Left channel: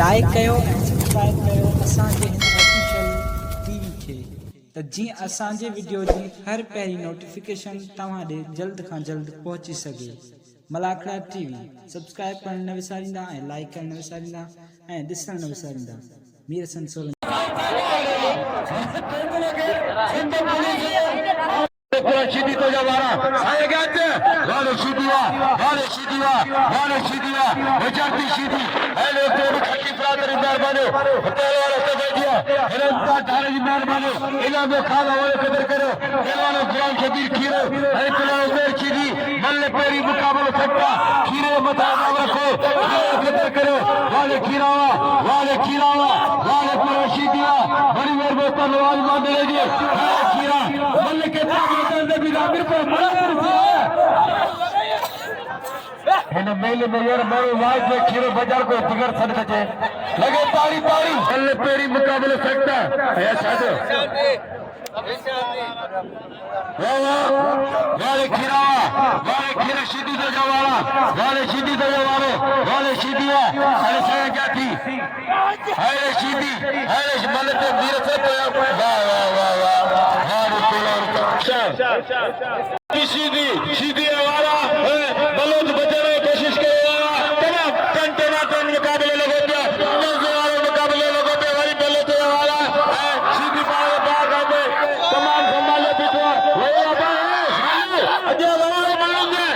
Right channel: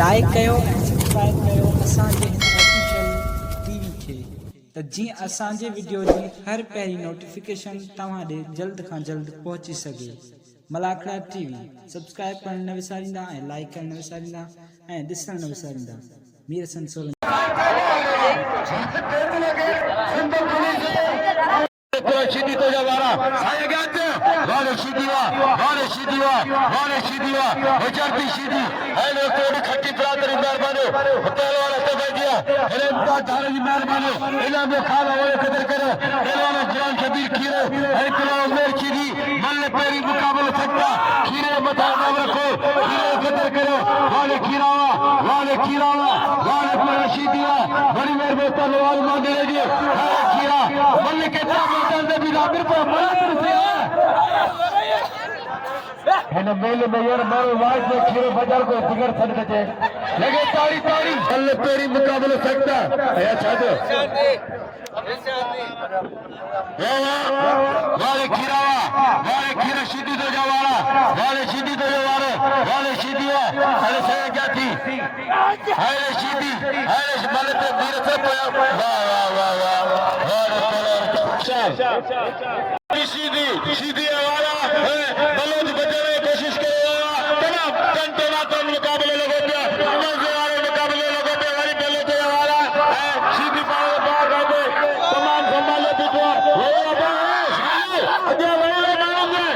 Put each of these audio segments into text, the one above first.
Like कयो ऐं subscribe कयो असांजे हिन ऑफिशियल टीवी खे त जीअं असांजे वीडियो जी हर पहिरीं नोटिफिकेशन तव्हां ॾे जल्द खां जल्द पहुची सघे। मलाखड़ा टीवी सब्सक्राइब करण न विसारींदा ऐं लाइक करण न विसारींदा ऐं ॾिसण न विसारींदा। Mir Hasan Solanki Şidi Tocavara, saya geldi. Lale Şidiya, Lale Şidiya, Lale Şidiya, Necerti Şidi, hele kodu kaki fıratları mermanı, hıtalara tefeciye, hele mutlu mermanı, ilame khala ve kadar karo, ilame can kabir kiro, hele kilo ömer Şidi, malle peri mukabele çekta, kire mutabak rakho, kira kadar karo, Lale Kiraya, Lale Pera Şidiya, bari merbo talwal mandere diye, kira, malle ke मेले में यार मेरे wife ने खीरे बाजार को बिगड़ सकते लगे ताड़ी ताड़ी अल्लाह पेरी मुकाबले सकता है साधो वाले खीरा सीधी तो जवाना वाले सीधी तो जवाने वाले सीधी है अरे saya क्या थी अरे सीधी अरे मतलब तो मेरे से तो वाह वाह वाह वाह सीधी सीधी वाला है बलोच बचाने की कोशिश करेगा तमाम कंटेनर का मुकाबले लगे थे मुकाबले लगे थे वही बलोच वाला सीधी पावे बाग आते तमाम संभाले पिछवा वो अब अजय वाले मारेंगे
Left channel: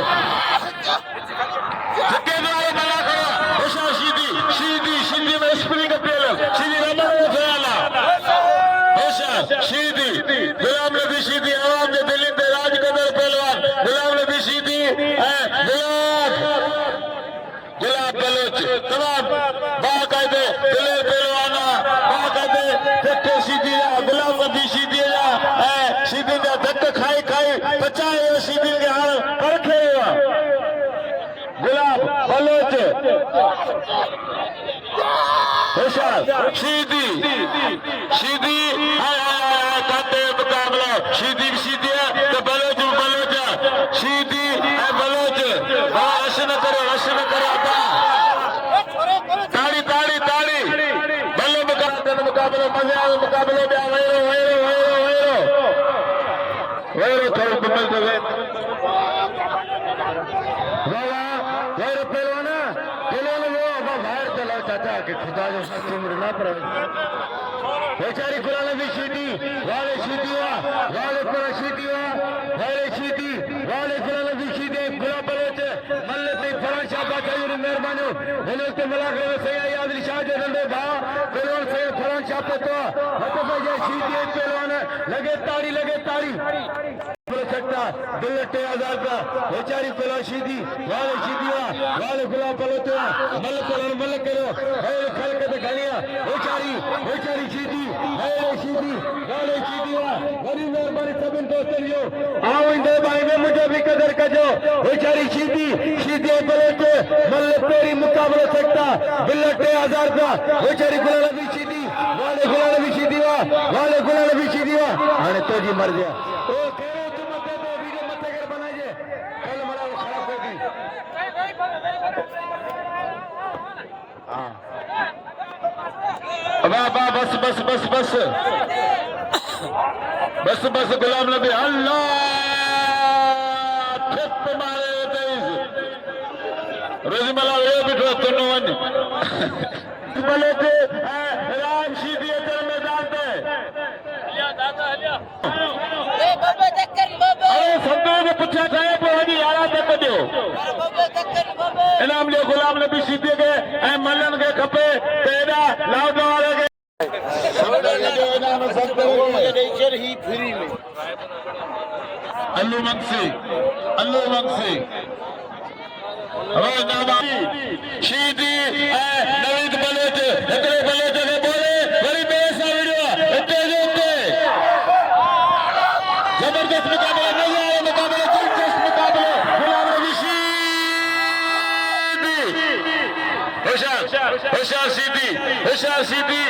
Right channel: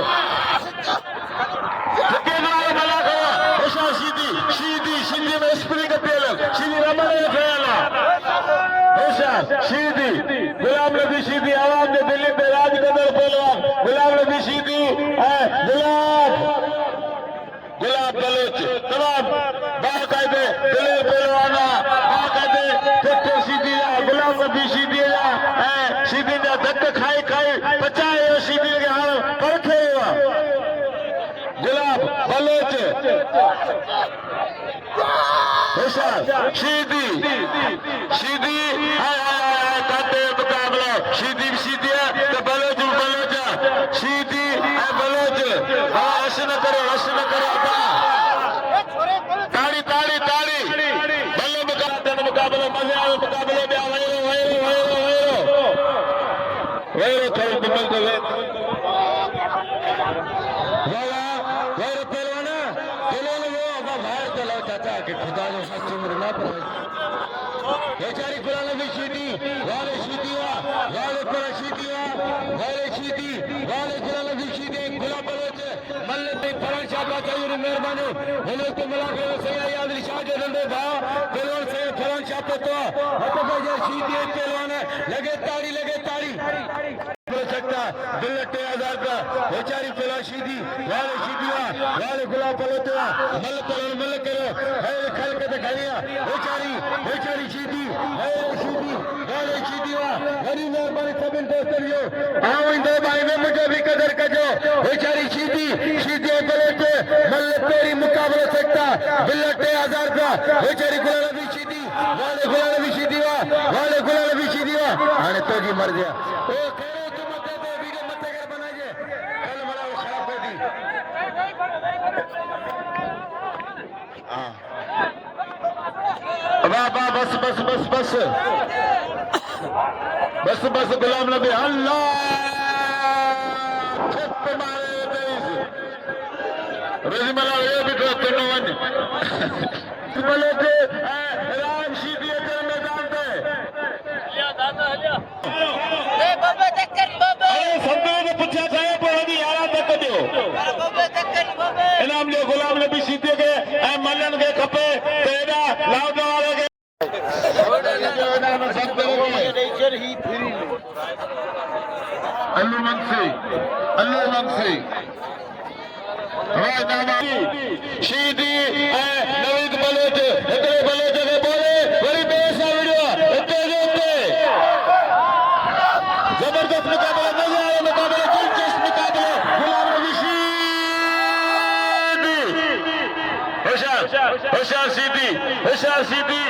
छक्के वाले बना करो ऐसा सीधी सीधी सीधी में स्प्रिंग का तेल सीधी रमन में खेला ऐसा सीधी गुलाम नबी सीधी आवाम ने दिल्ली पे राज कदर पहलवान गुलाम नबी सीधी गुलाब बलोच तमाम बाकायदे दिल्ली पहलवाना बाकायदे धक्के सीधी गुलाम नबी सीधी सीधी का धक्के खाई खाई बचाए सीधी के हाल परखे हुआ गुलाब बलोच ऐसा सीधी सीधी काटे मुकाबला सीधी सीधी है तो बलोच बलोच सीधी बलोच ऐसे न करो ताड़ी ताड़ी ताड़ी बल्ले मुकाबले मजे आए मुकाबले में वैरो थोड़ा कमल तो वैरो पहलवाना वो अब बाहर चला चाहता कि खुदा जो सच उम्र ना पड़े बेचारी गुलाम नबी सीधी वाले सीधिया वाले पर सीधिया वाले सीधी वाले गुलाम नबी सीधे गुलाब बलोच मल्ले पे फरान शाह का कई मेहरबानी होने के मुलाकात से याद रिशाद रंडे भा पहलवान से फरान शाह पे तो ये सीधी पहलवान लगे ताड़ी सकता दिल्लटे आजाद का बेचारी पहला सीधी वाले सीधिया वाले गुलाब बलोच मल्ले करो वाले खल के दिखाइया बेचारी सीधी वाले सीधिया गरीब मेहरबानी सब इन दोस्तों ये आओ इन दो भाई में मुझे भी कदर करो बेचारी सीधी बलोच मल्ले पेरी मुकाबला सकता दिल्लटे आजाद का बेचारी गुलाम नबी सीधी वाले गुलाम नबी सीधिया अरे तो जी मर गया बस गुलाम नबी अल्लाह रोजीमला वे भी तो वन बोले के राम सीधी मैदान पे संतों ने पूछा था वही आया तक दो इनाम लियो गुलाम नबी सीधी के मलन के खपे तेरा लाभ वाले के अल्लू मंसी सीधी नवीद बलोच इतने बलोच के बोले बड़ी बेसाविरिया इतने जबरदस्त मुकाबला नहीं आया मुकाबला दिलचस्प मुकाबला गुलाम नबी सीधी होशियार सीधी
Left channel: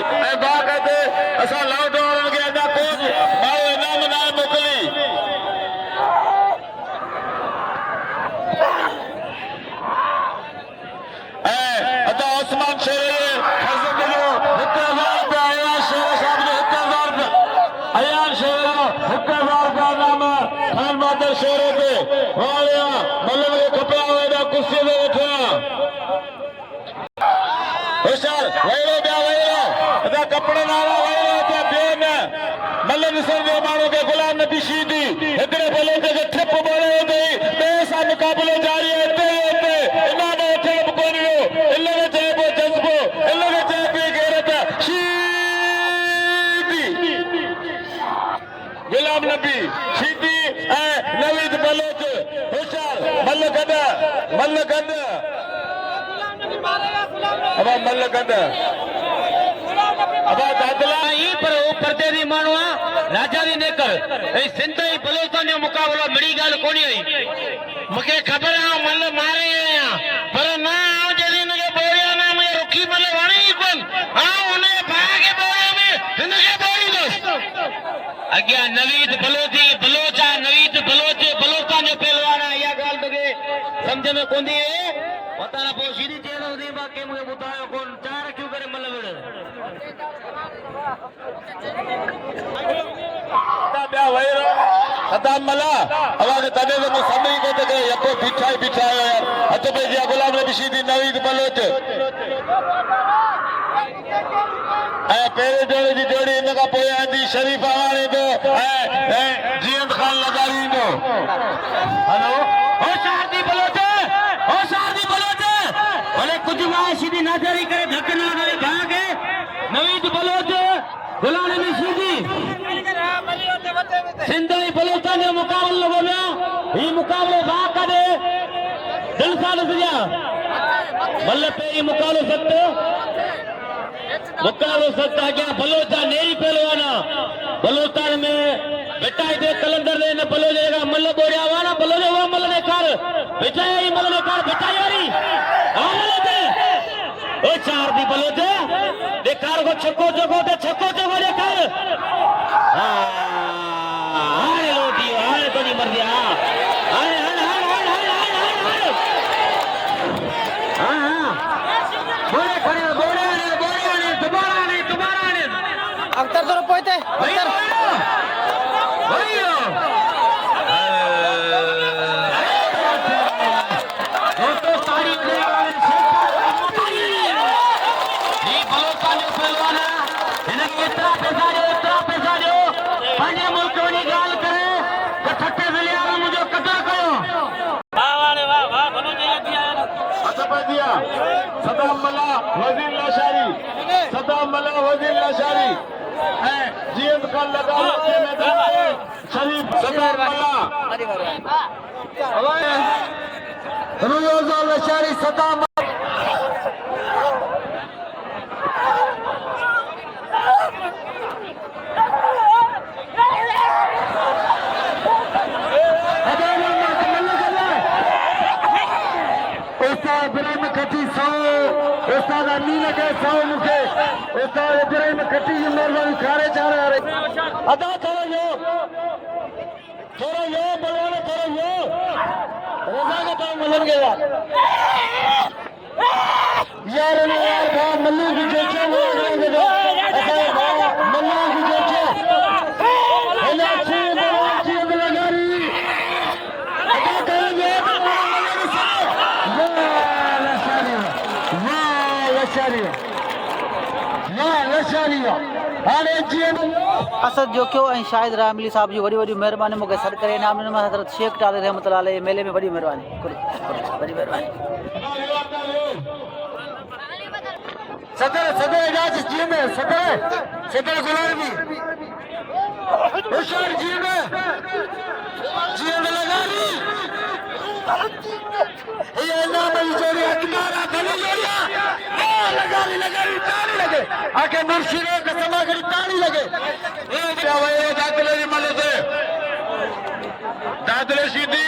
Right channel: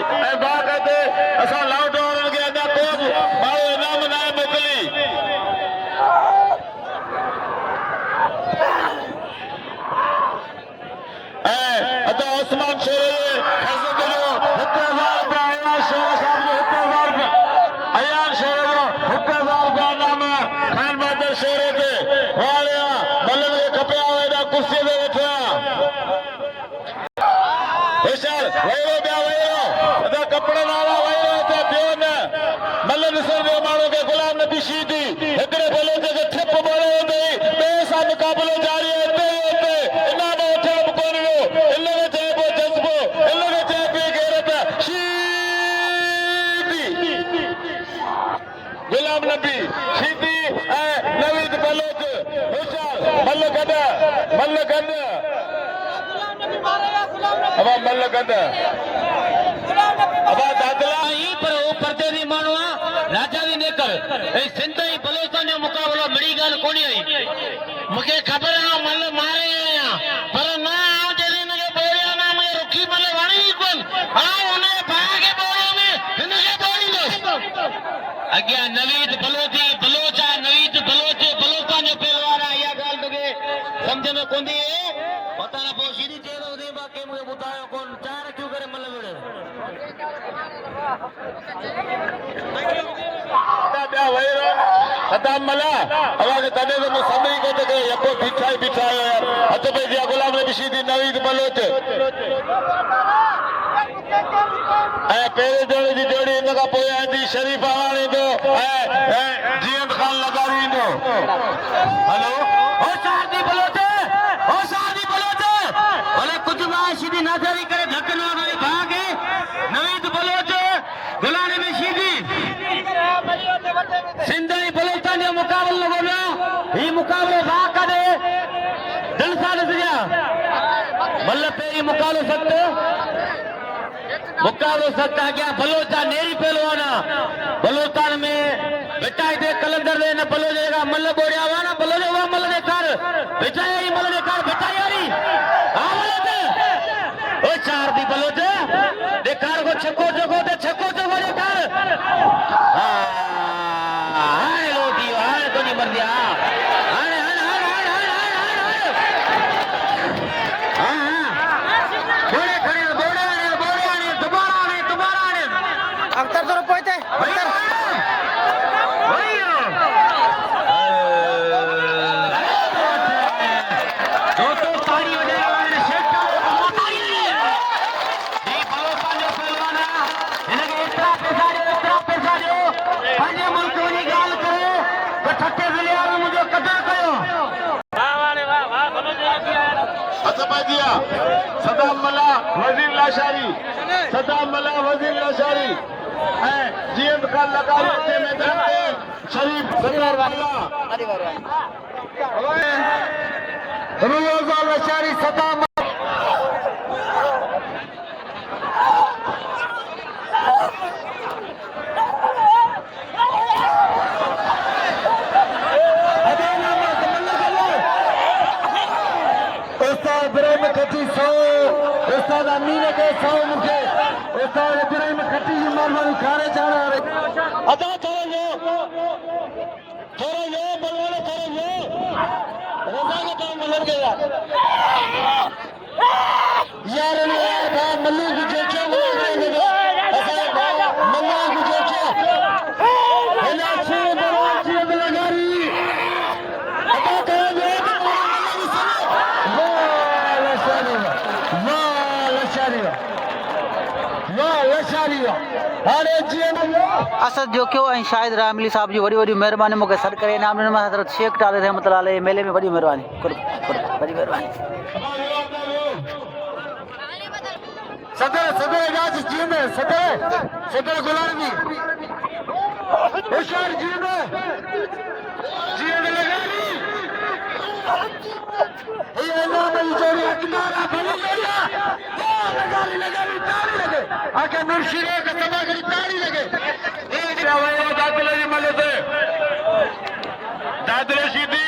बाकायदे असां लाउड वारनि खे अञा को माण्हू इनाम न मोकिली अदा उस्मान शेर पड़े नारा वही थे बेन मल्ल निसर दे मारो के गुलाम नबी शीदी इतने बोले थे कि ठप बोले थे बेसा मुकाबले जारी होते होते इमाम उठे बुकोनियो इन लोगों ने चाहे जज्बो इन लोगों ने चाहे गैरत शीदी गुलाम नबी शीदी नवीद बलोच होशियार मल्ल गद अब मल्ल गद अब दादला ही पर परदे दी मानवा राजा दी नेकर ए सिंधई बलोचन जो मुकाबलो बड़ी गाल कोनी आई मुके खबर है मल मारे आया पर ना आओ जदी ने बोया ना मैं रुकी मल वाणी कोन हां उन्हें भागे बोया में इनके बोली दोस्त अग्या नवीद बलोची बलोचा नवीद बलोचे बलोचा जो पहलवान या गाल बगे समझ में कोंदी है पता ना पो सीधी चेलो दी बाकी मुझे बताया कौन चार क्यों करे मल बड़े मला అలాగే తనేదో సమయం కొట్టగా ఎప్పో పిచ్చాయి అతపే గులాం నబీ शीदी नवीद बलोच पहले जोड़ी की जोड़ी इनका पोया आंदी शरीफ आने दो जीएम खान लगा दी दो हेलो ओ शादी बलोचे भले कुछ ना सीधी नादारी करे धक्का करे भागे नवीद बलोचे गुलाम नबी शीदी सिंधई बलोचन जो मुकाबलो बोला ये मुकाबलो बा करे दिल सा नजरिया मल्ल पे ये मुकाबलो सकते क्या बलोचा नहीं पहलवाना बलोचान में बेटा दे कलंदर दे न बलो देगा मल्ल बोरिया वाला बलो जो मल्ल ने कर बेचाई मल्ल ने कर बेचाई नहीं ओ चार दी बलोचे देखार को छक्को जगो दे कर हाय लोटी हाय तो नहीं मर गया हाय हां बोले दोबारा नहीं अख्तर तो पोते अख्तर सदाम मला वजीर लाशारी जीएम खान लगा के मैदान में शरीफ लाशारी सदाम असद जो क्यों ऐं शाहिद रामली साहब जी वॾी वॾी महिरबानी मूंखे सॾु करे इनाम ॾिनो हज़रत शेख टाले रहमतुल्लाह अलैह मेले में वॾी महिरबानी करो वॾी महिरबानी सदर इलाज जी में सदर गुलामी होशियार जी में लगानी ये नाम जोड़ी किनारा बनी लगानी ताली लगे आके मुर्शिदे के समा करी ताली लगे दादले जी मले से दादले शीदी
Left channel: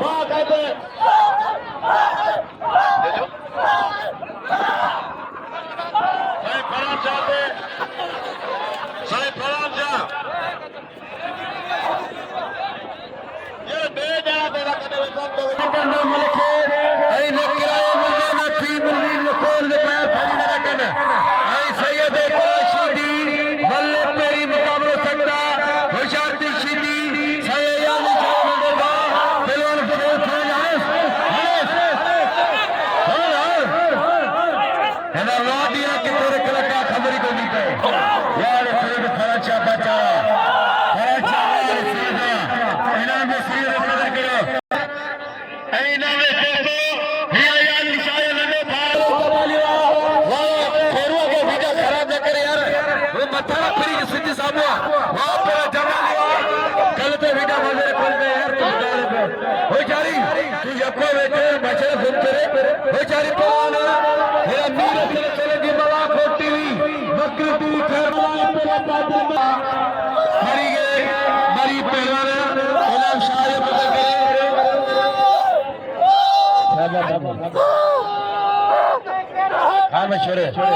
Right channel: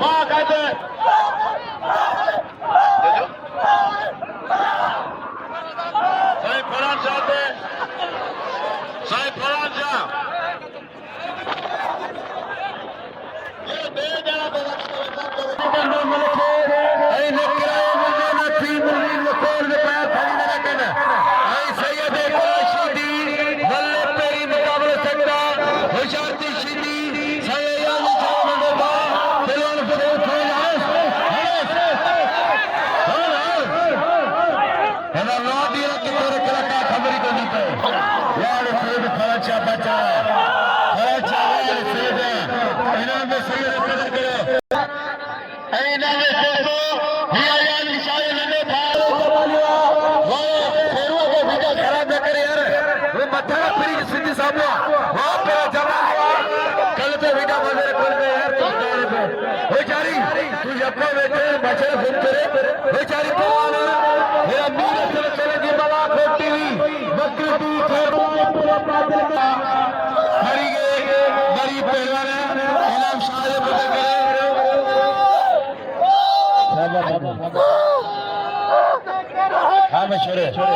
बा कहते ऐं इन में दोस्तों हीअ यार निशान नंढे भाउ कमालियो शेरुआ खे वॾा ख़राब न करे यार वो मथा फिरी सिंधी साम्हूं वाह पर जमालियो कल तो बेटा वज़ीर खोल के यार तू बेचारी तू यको वेठे बचर घुम करे बेचारी पवान मेरा मीर चले चले दी बला खोटी हुई बकरी टी खेल पूरा बादल में मरी पहलवान इनाम साहब हाँ मशहूर खान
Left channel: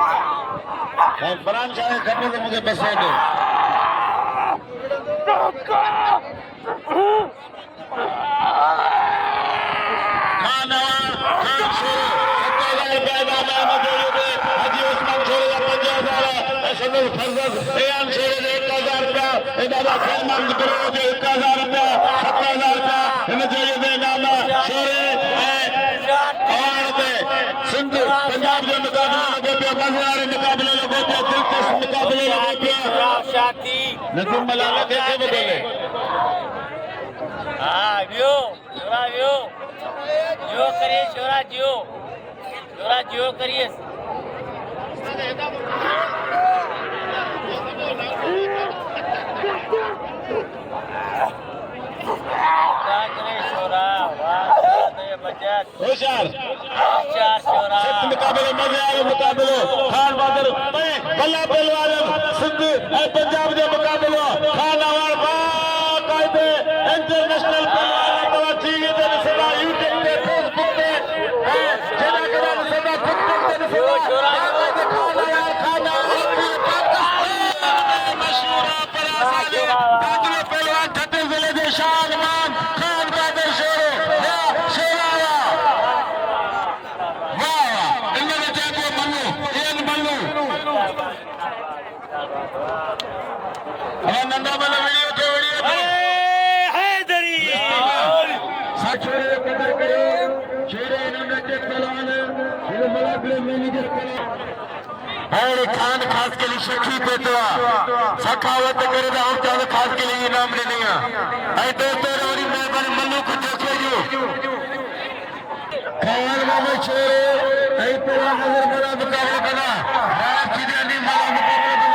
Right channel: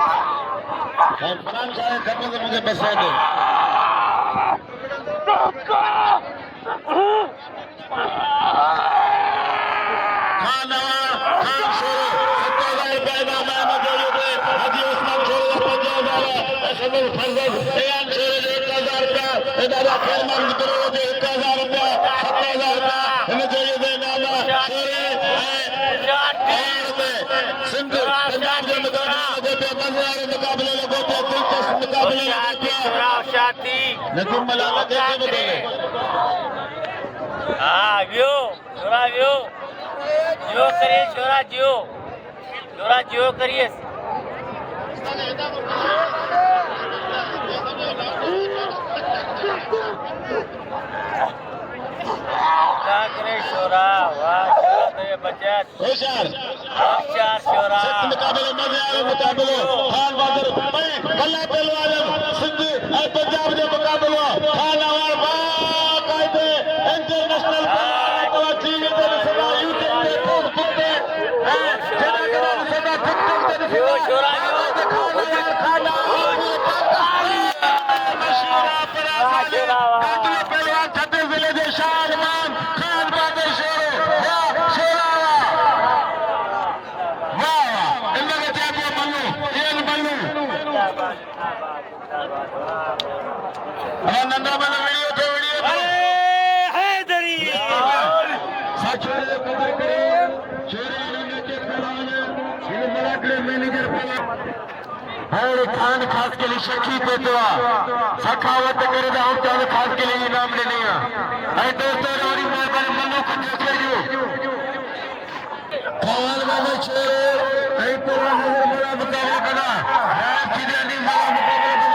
हमारे फरहान साहब खटने को मुझे बस दो लेकिन मलाला कैसे बदले हाँ जियो छोरा जियो जियो करिए छोरा जियो करिए छोरा मुकाबले मजे आए मुकाबले खान बहादुर बल्ला पहलवान सिंध पंजाब के मुकाबले खान अवार बाकायदे इंटरनेशनल पहलवान टीवी ते सदा यूट्यूब ते फेसबुक ते जेड़ा केड़ा सदा टिकटॉक ते सदा खान मशहूर परासाले कादले पहलवान छत्तीस जिले के शान नाम खान बहादुर नंदा वाला वीडियो थे हैदरी साक्षर कदर करे छोरे नंदे के पहलवान ये मलाकड़े मैनेजर है खान खास के लिए शक्ति देता सखावत करे तो हम चाहे खास के लिए इनाम ले लिया है दोस्तों और मेरे मनु को देखे जो खान वाले छोरे है पूरा नजर बड़ा मुकाबला बना राम चिड़ियानी वाला मुकाबला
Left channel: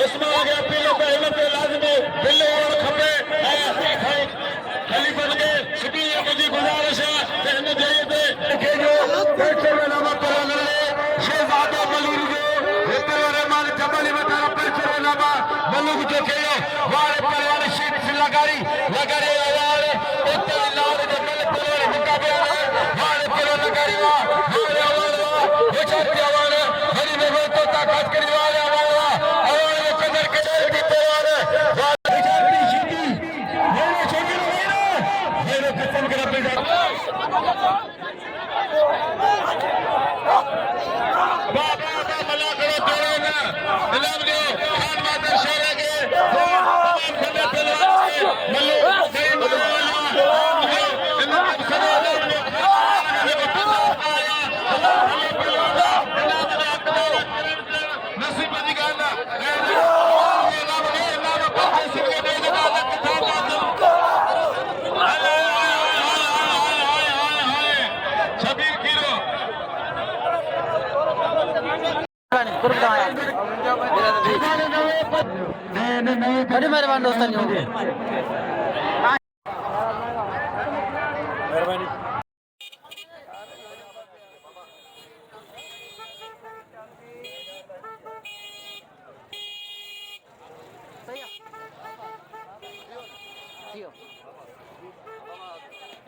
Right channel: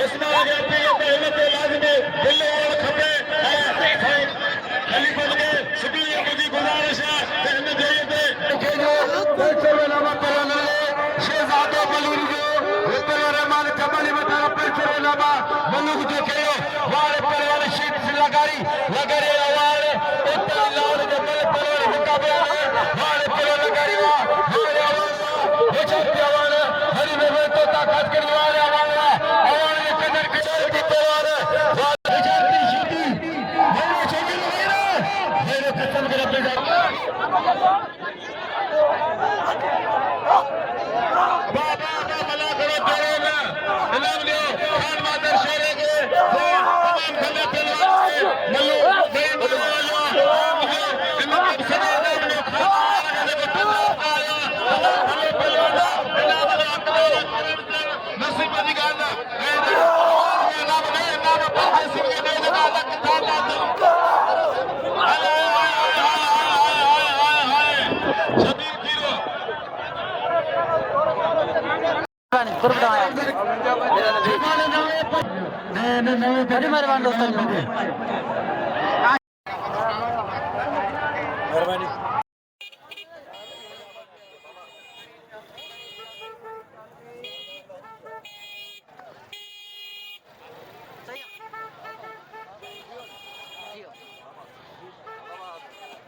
इसमें आगे मल्लू जो खेलो वाले पहलवान शीत लगारी लगारी आवाज उत्तर लाल जमल पहलवान मुकाबला वाले पहलवान लगारी वाले आवाज वो छाती आवाज हरी में तो ताकत करी वाले आवाज आवाज में कदर कदर की पहलवान वाले छाती शीती मेरे छोटी मेरे कसम कर अपने बाबा मला करो तेरे ना इनाम दो खान माता शेरे के तमाम खंडे पहलवान मल्लू नसीब अधिकार छबीर किलो गुरु बताया बड़ी मेहरबानी दोस्तों मेहरबानी सही है